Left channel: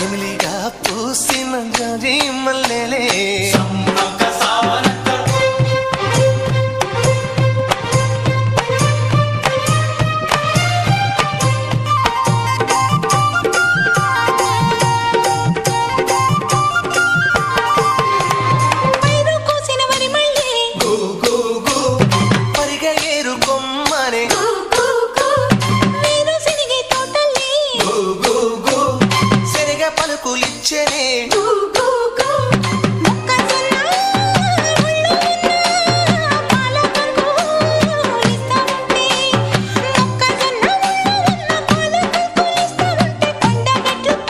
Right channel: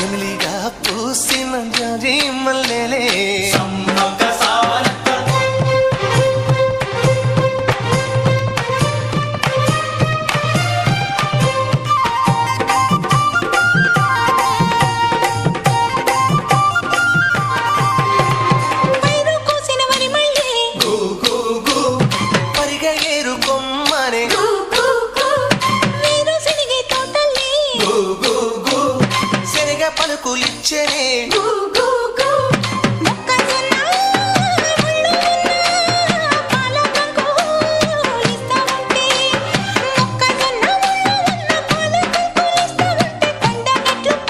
జమిలిగా పూసిన జాజి మల్లెలే సమ్మక్క సావనక్క పైరు కోసిన వరి మళ్ళీ గు గు గు పరిగె ఏరు కొమ్మనే కు కు కు వీరు సినిగే తోటల్లి గు గు గు సెరగ పలుకులిచ్చనే కు కు